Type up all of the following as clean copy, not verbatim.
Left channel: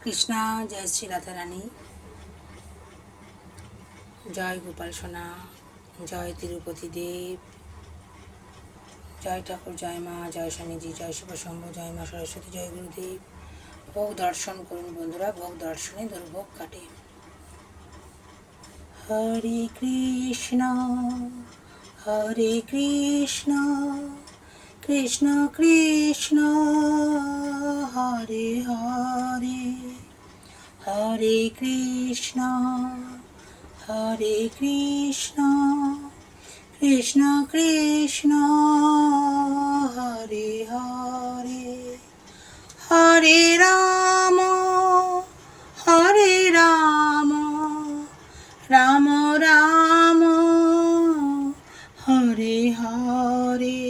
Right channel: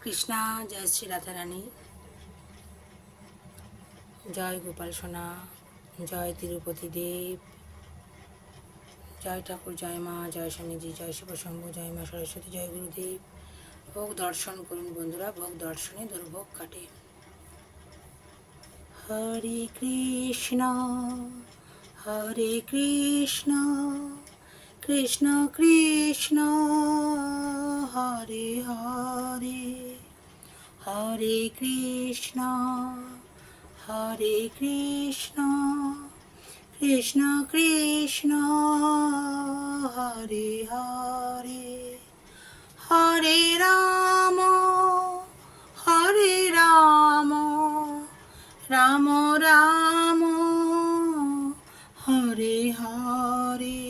কৃষ্ণা, জয় শ্রী রাধারানী, জয় গোপাল সোনা, জয় তিরুপতি দেব, জয় ঠাকুর, জয় মা, জয় স্বামীজি, জয় শিব শম্ভু, জয় মা সরস্বতী, জয় গুরুদেব। ভোগ দর্শন করুন বন্ধুরা, ভোগ দর্শনে দুর্ভোগ কাটে। হরে কৃষ্ণ কৃষ্ণ কৃষ্ণ হরে হরে, হরে কৃষ্ণ কৃষ্ণ কৃষ্ণ হরে হরে, হরে রাম রাম রাম হরে হরে,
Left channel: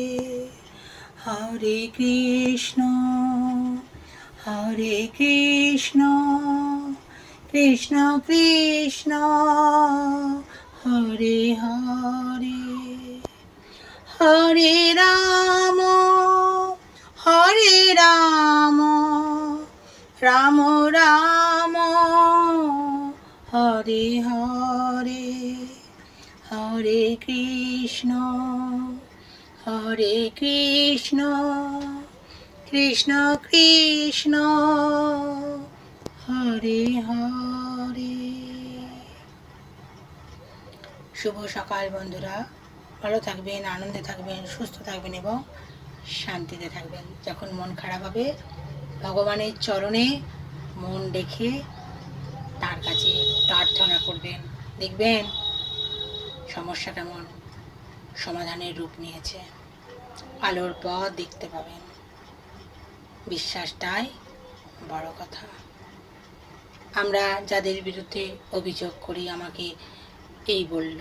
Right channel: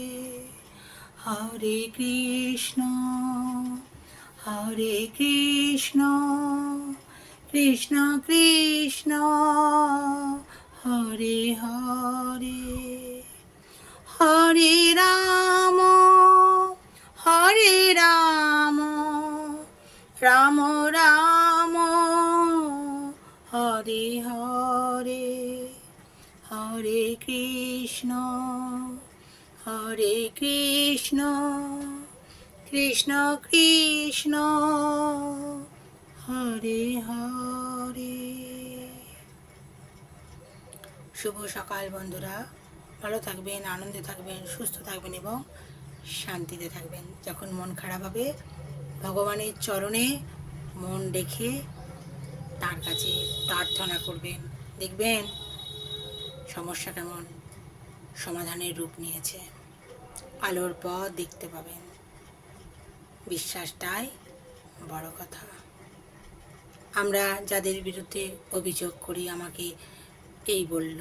হরে কৃষ্ণ কৃষ্ণ কৃষ্ণ হরে হরে, হরে রাম রাম রাম হরে হরে, হরে কৃষ্ণ কৃষ্ণ কৃষ্ণ হরে হরে। শুভ সকাল বন্ধুরা, ভালো থাকবেন, আনন্দে থাকবেন, সুস্থ থাকবেন এবং শান্তিতে থাকবেন। যখন মন খারাপ হবে ভগবানের চরণে মন রেখে তার কাছে প্রার্থনা করবেন, দেখবেন সমস্যা কেমন সমাধানের রূপ নিয়েছে, আলোর পথ দেখতে পাবেন। বিশ্বাসটাই বড় কথা। আমরা যাদের বিরুদ্ধে অভিযোগ করি, আমাকে এই বলল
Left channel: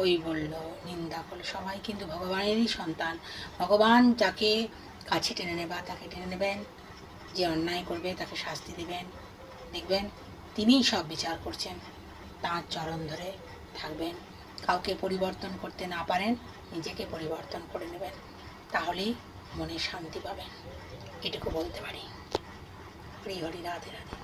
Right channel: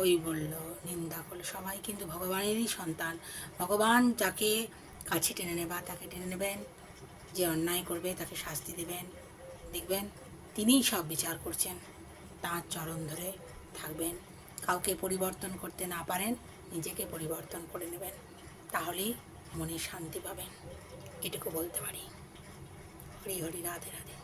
ওই বলল, নিন্দা করল, সবাই কিন্তু ভগবানেরই সন্তান। ভগবান যাকে কাছে টেনে নেবা তাকে টেনে নেবেন, যে অন্যায় করবে তাকে শাস্তি দেবেন। দেখবেন তিনিই সব বিচার করছেন, তাঁর চরণ ধরে থাকবেন। কাউকে পরিবর্তন করতে না পারেন, নিজেকে পরিবর্তন করে নেবেন, তাহলেই মনে শান্তি পাবেন। এটুকু বলতে পারি। হরি হরি, রাধে রাধে।